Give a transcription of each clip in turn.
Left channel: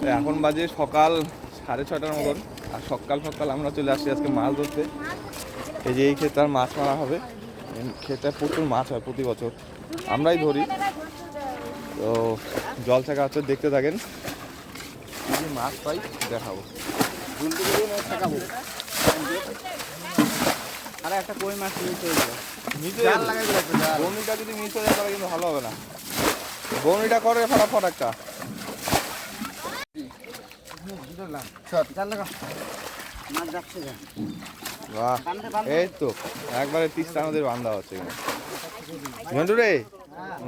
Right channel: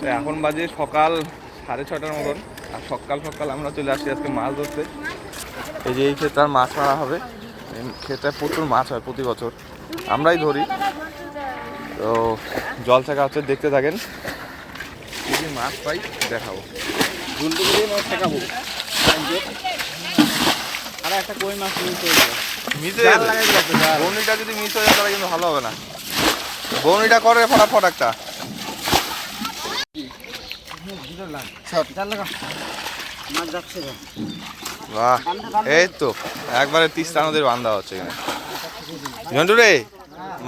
তো এখন বাজে সকাল সাড়ে ছটার মতন। আর সকাল সকাল আমরা চলে আসছি আজকে মাছ ধরতে। এই যে এই ক্ষেত্রে আর মাছ মারা হবে। ক্ষেত্রে প্রচুর মাছ হয় প্রতি বছর। আমরাই ধরি। তো জল থাকা হচ্ছে দেখতে থাকেন। কি মাছ পাই দেখাবো। আর একটা কই মাছ নিয়ে চলে যাব মিস হয়ে বৌনিটা যদি মিস হয়ে যায় তাহলে কিন্তু ভালো হবে না। বৌনিটা করে ফটাফট একটা মাছ যাচ্ছে যা বাহ এই তো একবারে তিস্তা নদীর বান্ধা হচ্ছে এখানে। ঝন্টু রে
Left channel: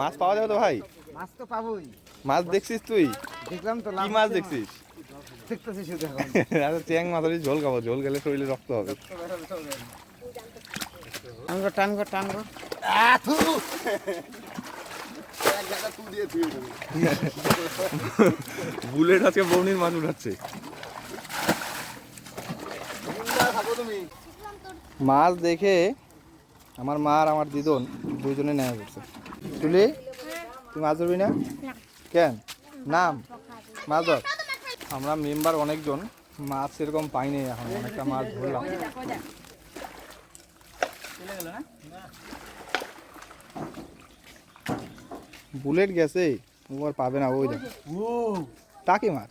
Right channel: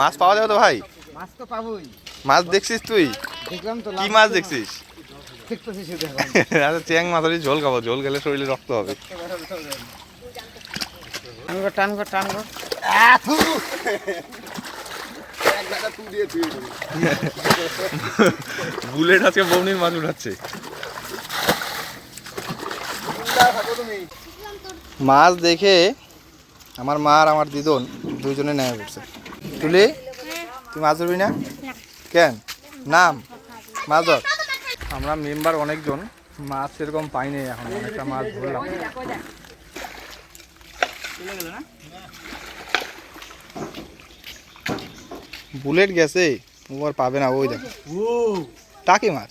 মাছ পাওয়া যাবে তো ভাই? মাছ তো পাবোই। মাছ দেখছিস তুই? দেখলাম তো কি মাছ দেখছিস? আচ্ছা চ্যাং ঝোল খাব ঝোল খেলে শরীরে রক্ত হবে। টানগো টানগো টানগো বুলেট আজকে বৌনির মাছ উঠাচ্ছে। মাছ দেখে আমার মা আর আমার দিদন দুইজনে নেমে পড়ছে তুলি তুই মাছ ধরবি না? কেন? নাম? মাছ ধর। আমরা মেম্বার অনেকজন মাছ সেরকম পাইনি এখন অনেকটা মাছ ধরলাম। বুলেট গেছে ও আর পাবে না ওই দেখ। টাকি মাছ।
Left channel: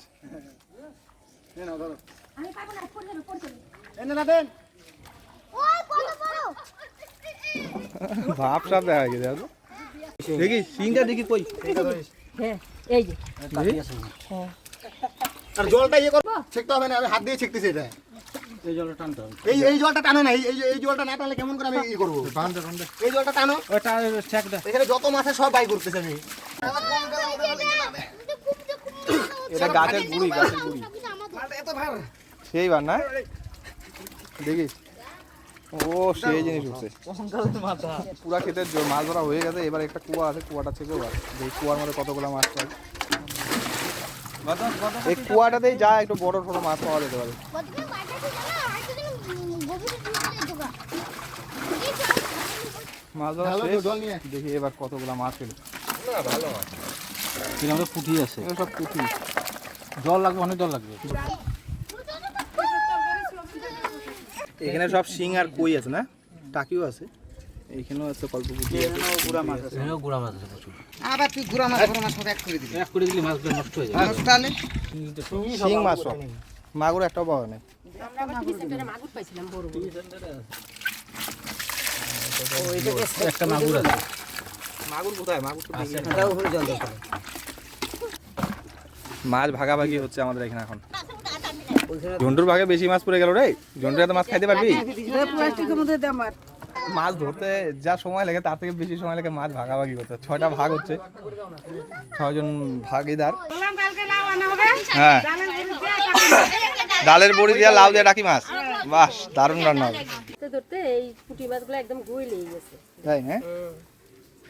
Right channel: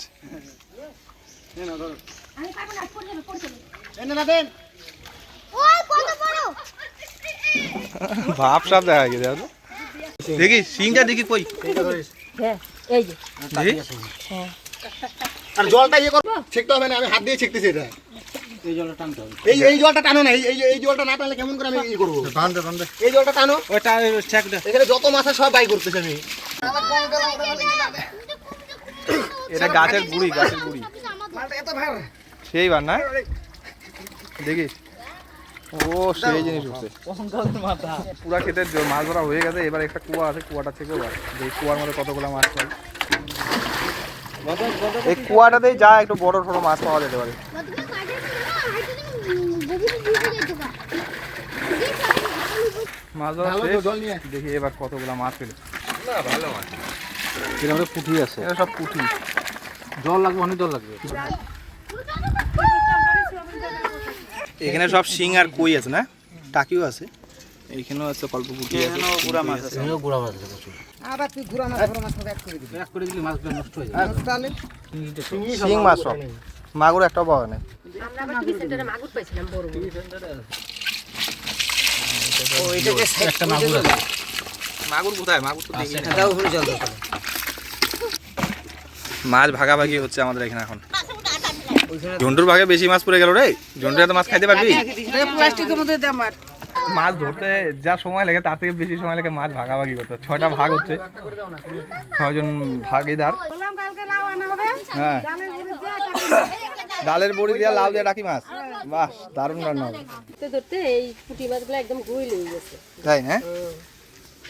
এনে না ভাব সাপ দেখা গেছে দেখো দেখি সিংটা দেখি কই? হ্যাঁ এই যে। দেখি। আর জলটা ইয়ে করব ছেকতে হবে না আমি হাত দিয়ে ছেকতেছি এটা। এই জলটা টানতে হবে। এই এই জলটা টানো না এই এই- এই জলটা না টানলে কেমন করে আমি ই করব? এই জলটা টানো। ওটা ঠেক দে। এখানে যত মাছ আছে সব বাই করতেছি আমি। এটা গাছের গুড়ি গাছের গুড়ি। সেই বার না? দেখি। ও সেই জিনিস উঠছে পুরা জ- মাছ ধরা হয়ে গেছে এবার একটা কুয়া আছে কুয়াটা থেকে দেখি কুয়ার মধ্যে কতগুলো মাছ পাই? এই কুয়াটাতেই যা একটু বড় ছোট মাছ পাওয়া যেতে পারে। মাছ ধরা শেষ। দেখি এবার কতগুলো মাছ পেলে এর মধ্যে পুঁটি আছে। এটা সব পুঁটি। জল লাগবে অনেক জল লাগবে। এখানে সব শিং আর কই আছে না? টাকিও আছে। এইখানেও আছে কল্প পুঁটি আছে। গুড়া মাছ আছে। গুড়া মাছ আছে প্রচুর। আবার তুই গুড়া মাছ গুড়া মাছ এক করে দিবি। এক করে দিলে মাছগুলো নষ্ট হয়ে যাবে। তাহলে? শিং মাছ সব মাগুর একটা পাওয়া নেই। আমরা আবার সেন্টারে মাগুর পাইছিলাম বড় বড়। একটা মাগুর আছে। মাগুর কোথায়? মাগুর তো দেখি। এটাও উপরে জল দরকার মাছ ভাগাভাগি হচ্ছে আমাদের এখানে এখন। ঝন্টুর ভাগে বেশি মাছ পড়ে গেল রে। ঝন্টুর এত মাছ খাইতে পারবি? প্লাস্টিকের মধ্যে দে আমার মাছ ধরতে যা সময় লাগে তার থেকে বেশি সময় লাগে মাছ ভাগাভাগি করতে। ছয়টা ভাগ হচ্ছে। ছয়জন ভাগিদার। হ্যাঁ। ডালের বড়ি দিয়ে লাউ দিয়ে ডাকি মাছ। বাস দারুণ রান্না হবে। ধরতে ধরতে এই পুঁটি মাছগুলো একদম গুই লেগে গেছে। তাই না?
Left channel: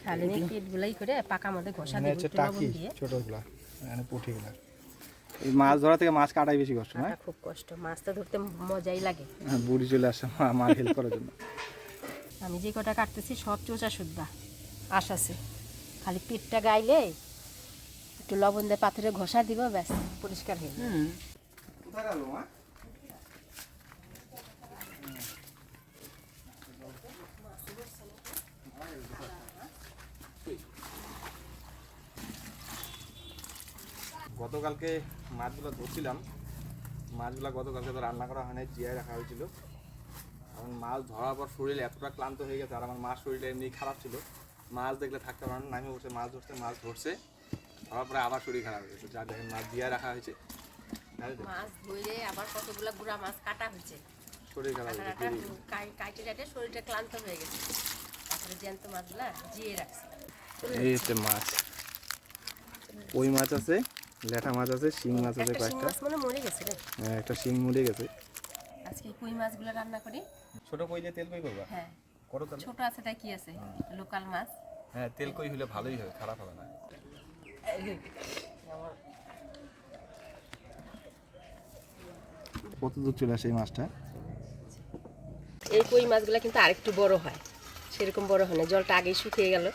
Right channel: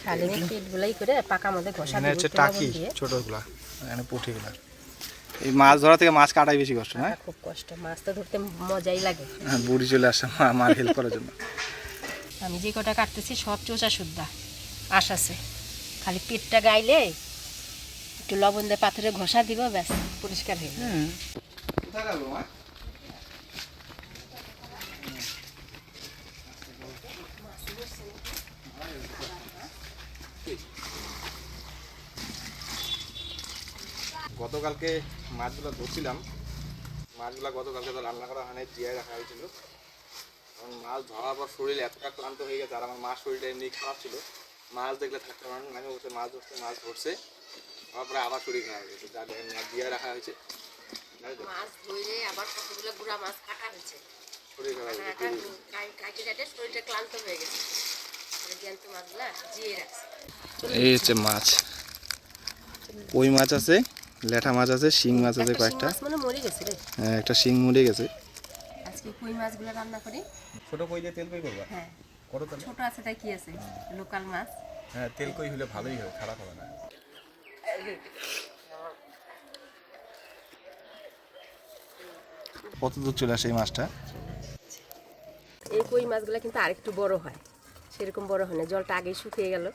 খালি পেট গুলাই করে পাকা মধ্যে ঘষা দিয়ে হচ্ছে টাকি। ছোটগুলা এখানে পুঁটিগুলা। এই মাছ ধরা থেকে মাছ কাটাই বেশি কষ্ট না? খুব কষ্ট মাছ তো ধরতে মজাই লাগে। হ্যাঁ, বুড়ি চলে আসছে মা আমার হেল্প করার জন্য। আমি যে কটা কাটতেছি সব চোষা সুদ্ধা আশ আছে। খালি পেটটা গাইলে একটু লবণ দিয়ে পাথরে ঘষা দিব ব্যাস পরিষ্কার হয়ে যাবে কোথায় গেল মা গতকালকে মাছগুলো ধরছিলাম। মাছগুলো গতকালকে তো রান্না করা হয়নি জিয়ায় রাখা হয়েছিল। এখন মাছ ধরার পর শরীর এতটা ক্লান্ত হয়ে গেছে আর আমার মাছ শরীরটা এমনি খারাপ ছিল। মাছ দেখলে থাকতে পারেন না আমি বসে মাছ ধরতে মাছ ধরছে। ধরার পরে আবার শরীর খারাপ হয়ে গেছে। যা দেখেন মাছ জিয়ায় রাখা হয়েছে। মাছ ধরে আবার কতগুলো গুড়া মাছ কাটা হয়েছে। শরীর খারাপ হয়ে গেছে কাটে কাটে শরীরটা ক্লান্ত হয়ে গেছে। তারপরে জ্যান্ত মাছগুলা জিয়ে রাখছে। এই হচ্ছে মাছ। কই মাছ আছে? ল্যাঠা মাছ আছে শিং মাছ আছে কয়েকটা। মাছ মনে মরে গেছে রে। হ্যাঁ, একটা শিং মরে গেছে। আজকে কই মাছগুলো রান্না করি? ছোট কই দিয়ে তেল কই করবা? হ্যাঁ। করো তাহলে। ছোট আছে তাই কি আছে? লোকাল মাছ। হ্যাঁ তেল কই হলে ভালোই হবে খারাপ হবে না। কত দূর চলে আসে এই মাছটা? এই কই মাছগুলো কিন্তু আরেকটু বড় হয়। সেরকম বড় হয় না জলটা আগেই শুকিয়ে গেল।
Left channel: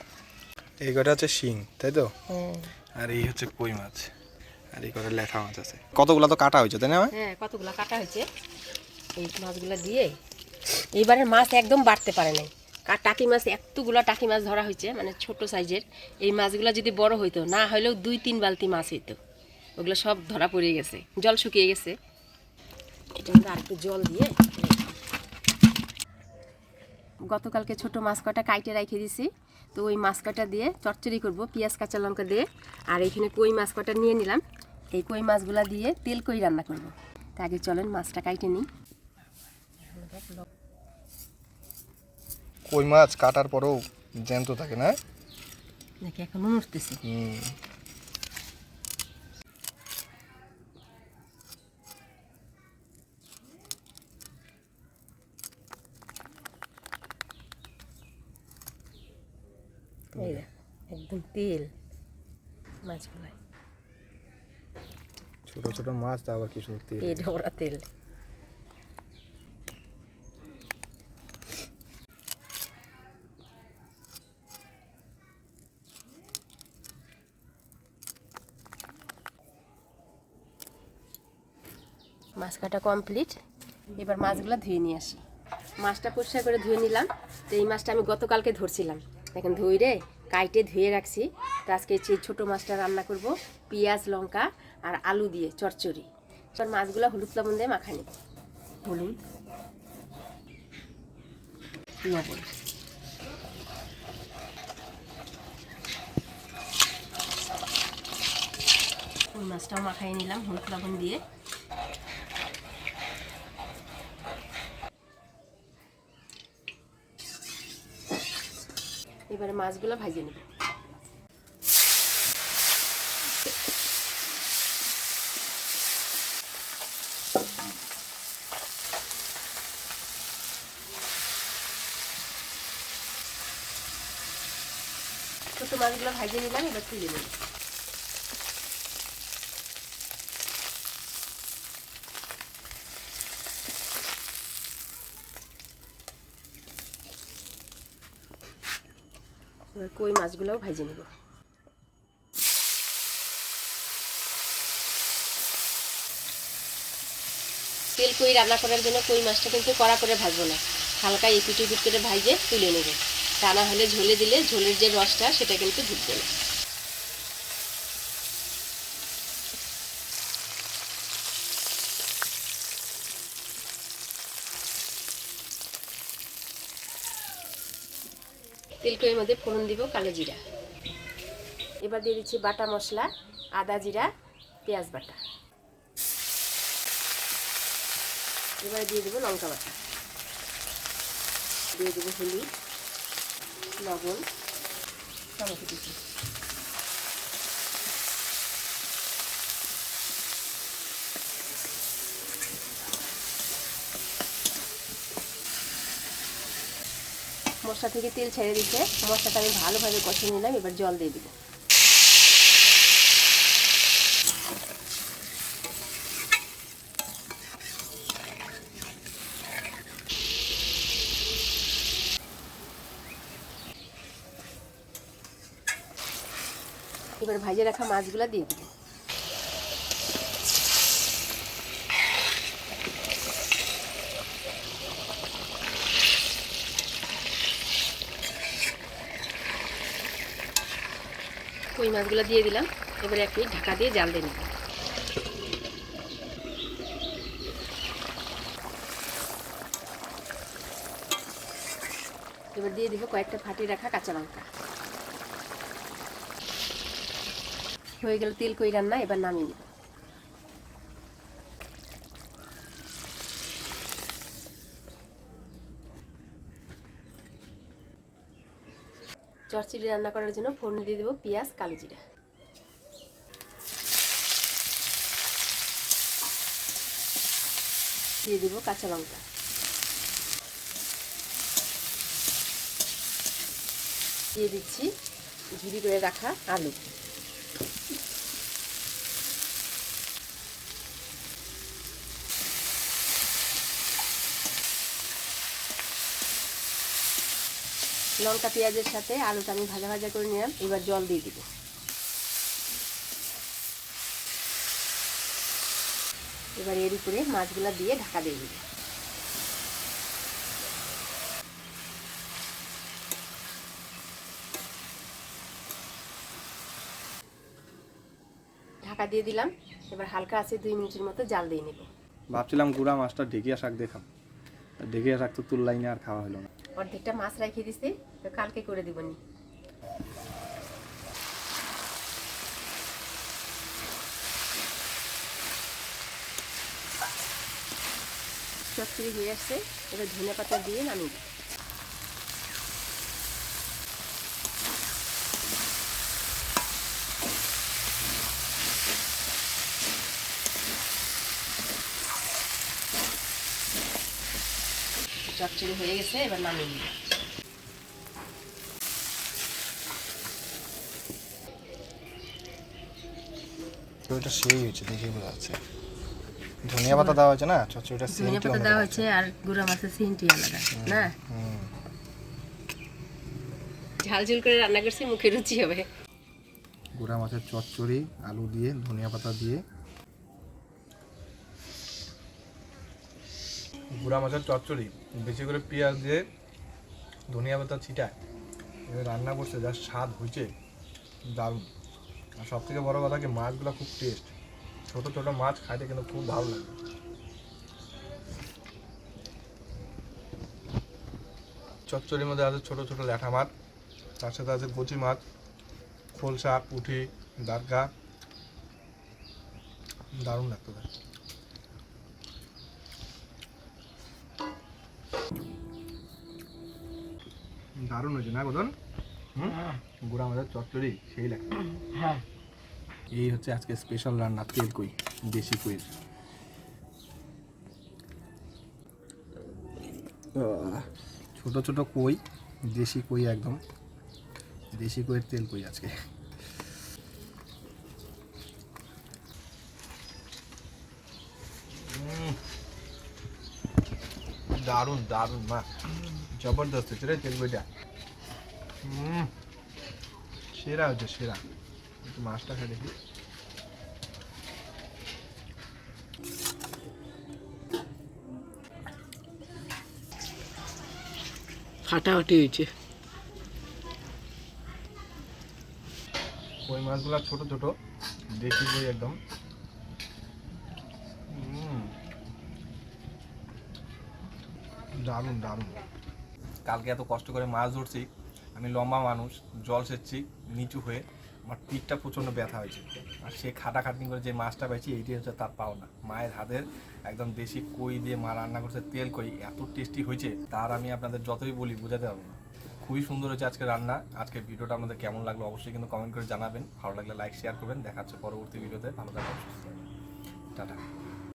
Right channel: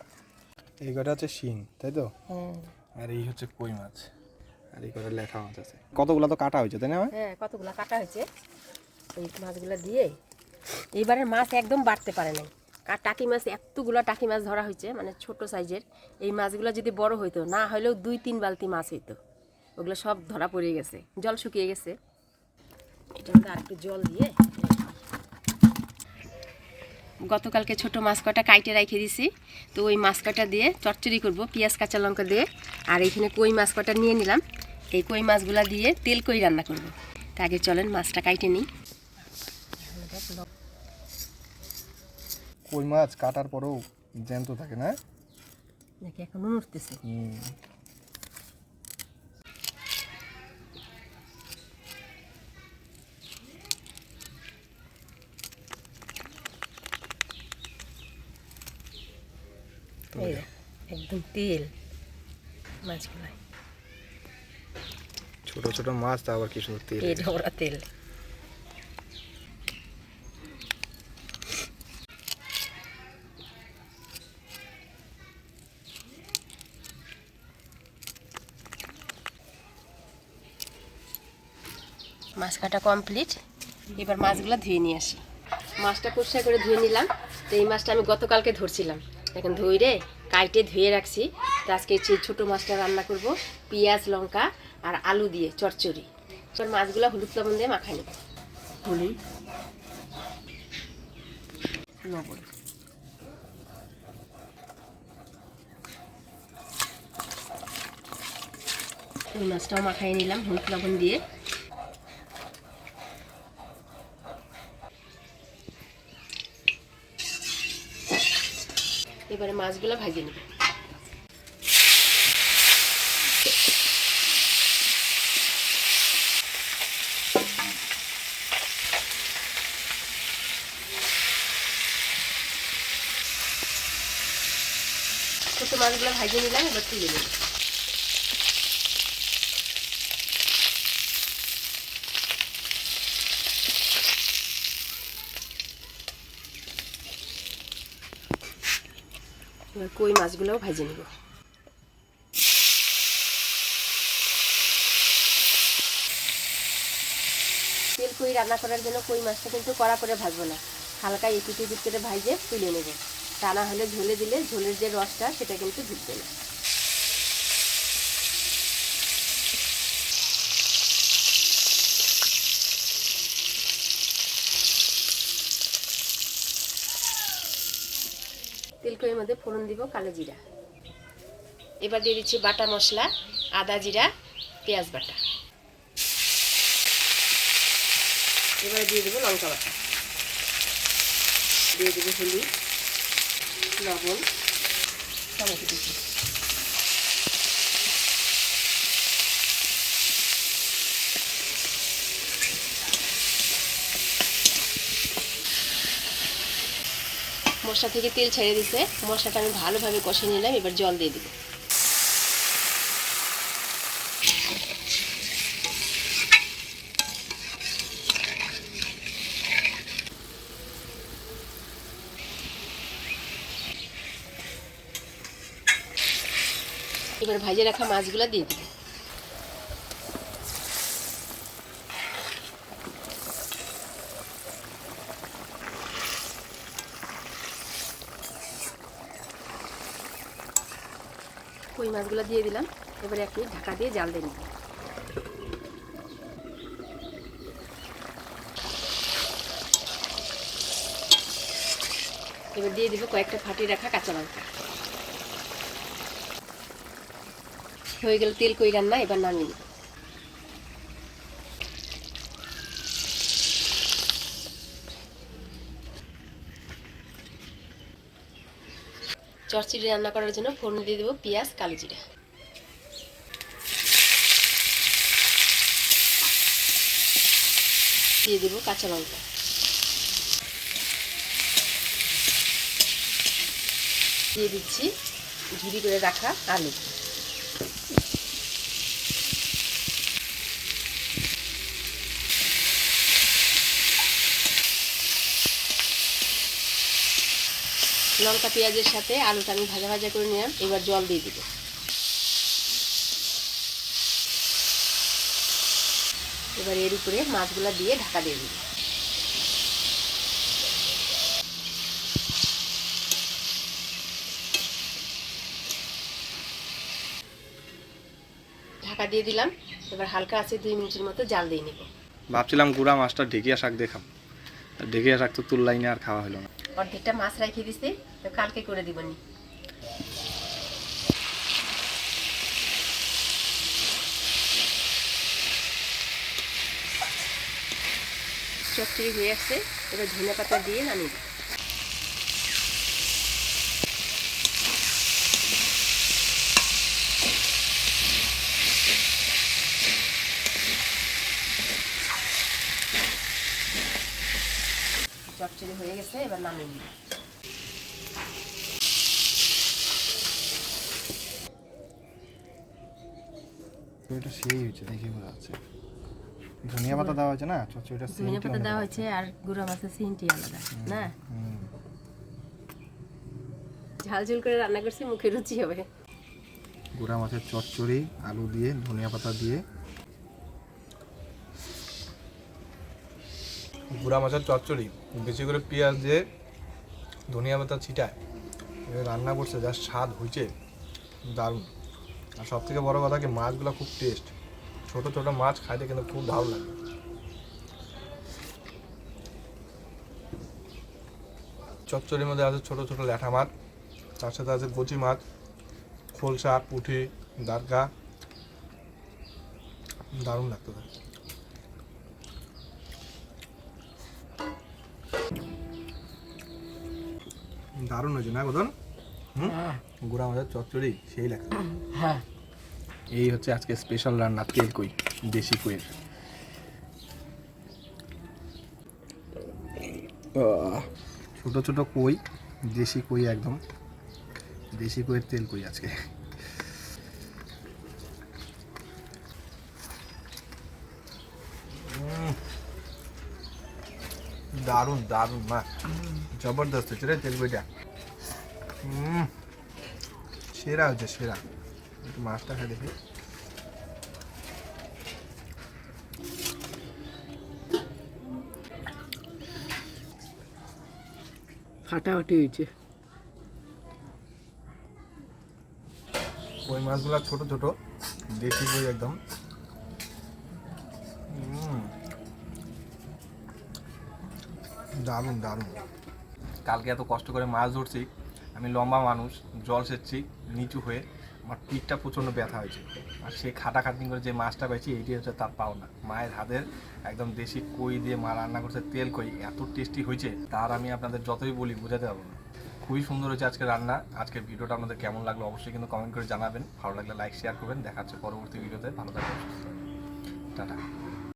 এই কটা হচ্ছে শিং তাই তো? হ্যাঁ আর এই হচ্ছে কই মাছ? আর এই করে লেঠা মাছ আছে। কতগুলো তো কাটা হয়েছে তাই না হ্যাঁ কতগুলো কাটা হয়েছে। এই মাছগুলো দিয়ে এইবারে মাছ একদম বাড়তে পারে নাই। আর টাকি মাছ এতগুলো টাকি মাছ ধরা হয়েছে মানে ছোট সাইজের। এই মাছগুলো যদি বড় হইতো না হলেও দুই তিন বালতি মাছ হইতো। ওগুলো সব ধরা পড়ে গেছে জল শুকিয়ে গেছে। এটা আর একটু জল দিয়ে গতকালকে ছোট মাছ কটা কাইটে রেখে দিছি। তো ওই মাছ কটা দিয়ে চচ্চড়ি করব পেঁয়াজ কাঁচা লঙ্কা দিয়ে। আর এখানে কই মাছ কটা নিয়ে নিলাম। এই কই মাছগুলা দিয়ে তেল কই রান্না করব। তা আগে চলেন মাছটা কাইটে নিই। কই মাছ কাটার পরেও জ্যান্ত থাকে না? দেখি এখন উঠতেছে একদম তেল ছোট ছোট মাছ তা আবার কি সুন্দর তেল এই তেল। মাছ কাটা কমপ্লিট। এবার মাছগুলো ধুয়ে নিয়ে আসি। মাছটা পরিষ্কার করে ধুয়ে নিলাম। তো এই মাছটা আমি গতকালকে ধরছিলাম। এখন ধুইরে কাইটে ধুয়ে রাখছি। তো আজকে সেই ছোটো মাছটা রান্না করব পেঁয়াজ লঙ্কা আর আলু দিয়ে চচ্চড়ি। এবার মাছগুলো হলুদ লবণ দিয়ে মাখাই নেব। হলুদ। লবণ। ওই মাছটাও মাখাই নিলাম হলুদ লবণ দিয়ে। এবারে মাছগুলো ভাজে নেব। মাছগুলো ভাজে নিলাম এবার তুলে নেব। কই মাছগুলোও ভাজি নেব। তেল কই রান্না করার জন্য কই মাছটা কিন্তু কড়া করে ভাজবো না। হালকা এপিট এপিট করে ভাজে তুলে নেব। তা না হলে ঝোলে দিলে ঝোলের যে রসটা সেটা কিন্তু ঢুকবে না। তেলকইয়ের মধ্যে ফোড়ন দিব কালো জিরা। এবার দিয়ে দিচ্ছি বাটা মশলা, আদা জিরা, পেঁয়াজ বাটা। এবার দিয়ে দেবো লঙ্কা বাটা। দিয়ে দেবো হলুদ, লবণ, টমেটো কুচি। মশলা থেকে তেল ছেড়ে দিতে মশলাটা আমি ভালোভাবে কষিয়ে নিলাম, এবার জল দিয়ে দিব। এবার ভাজে রাখা মাছগুলো দিয়ে দিব। মাছগুলো দিয়ে দিলাম। এবারে একটি ঢাকা দিয়ে জাল দিয়ে নিলাম এবার দিয়ে দিব কয়েকটা ফাটিয়ে রাখা কাঁচা লঙ্কা। হয়ে গেল তেল কই রান্না, এবার নামিয়ে নিব। চচ্চড়ি রান্না করার জন্য ফোড়ন দিয়ে দেবো পেঁয়াজ, কালো জিরা। দিয়ে দেবো কাঁচা লঙ্কা। দিয়ে দিচ্ছি ঝুড়ি করে রাখা আলু লঙ্কা, পেঁয়াজের সাথে আলুটা আমি ভাজা ভাজা করে নিলাম, এবার জল দিয়ে দিব। এবার এর উপরে মাছগুলো দিয়ে ঢাকা দিয়ে দিব। ঢাকা দিয়ে দিলাম, এবার হালকা আছে দুই মিনিটের মতো জাল দিয়ে নেব। ভাবছিলাম গুড়া মাছটা ঢেকিয়া শাক দেখাম। ঢেকিয়া শাক তো তুললাই না আর খাওয়া হলো না। অর্ধেকটা মাছ রাখিয়ে দিছি, তো কালকে করে দিবনি। চচ্চড়ি হয়ে আসছে, এবার ধনে পাতা দিয়ে নামিয়ে দিই। চচ্চড়ি হয়ে গেছে এবার নামিয়ে নিই ওইটা সেই হয়েছে দেখে বোঝা যাচ্ছে। ধনিয়া পাতা দেওয়া হয়েছে না? চচ্চড়িটা ধনে পাতা দেওয়া হয়েছে আর গুঁড়া মাছের সিনটি আলাদা না? ঝাল ঝুল করে রান্না করছি মুখে রুচি হবে। গুড়া মাছের চচ্চড়ি আলু দিয়ে ধনিয়া পাতা দিয়ে গুড়া মাছের চচ্চড়ি, বেশি করে পেঁয়াজ দিয়ে ধনিয়া পাতা ছিটায় রান্না করছে, যা স্বাদ হয়েছে দারুণ। আর সব থেকে বড় কথা কি, মাছগুলো খুব টেস্ট ছোট ছোট মাছ খাইতে কিন্তু খুব ভালো লাগে। চচ্চড়ির মধ্যে আছে ছোট ছোট ল্যাঠা মাছ, তার সাথে আছে কচি মাছ, খোলসা পুঁটি দারগা দারুণ লাগতো তাই দারুণ হয়েছে না গদন গুড়া মাছের চচ্চড়ি সেই লাগছে হ্যাঁ। এই হচ্ছে আজকে স্পেশাল রান্না তেল কই দেশি কইয়ের। ছোট ছোট কই দেশি কই একদম। দেশি কইয়ের তেল কই আজকে। দারুণ দারুণ মা জবরদস্ত রে তেল কইটা। সেরা হচ্ছে সেরা। একটু মাছটা খেয়ে দেখি। ফাটাফাটি হয়েছে। কই মাছগুলো ছোট ছোট। দেশি কই একদম। দারুণ দারুণ। কালকে এত কষ্ট করে মাছ ধরছি। আমি লম্বা মানুষ, জল সেচ্ছি, নিচু হয়ে আমার পিঠটা প্রচণ্ড ব্যথা হয়েছে। আর সে খাটাখাটনি করে যে মাছটা পাইছি, এইটি হচ্ছে তার পাওনা। মায়ের হাতের একদম দেশি কই দিয়ে মা রান্না করছে, তেল কই, এত টেস্টি হয়েছে, তার আমি আপনাদের যতই বলি, বোঝাতে পারব না। খুবই সুন্দর হয়েছে আজকে রান্না। আজকের ভিডিওটা আপনাদের কেমন লাগল অবশ্যই কিন্তু কমেন্ট করে জানাবেন। ভালো লাগলে লাইক শেয়ার করবেন। দেখা হচ্ছে পরবর্তী ভিডিওতে। ভালো থাকবেন। টাটা।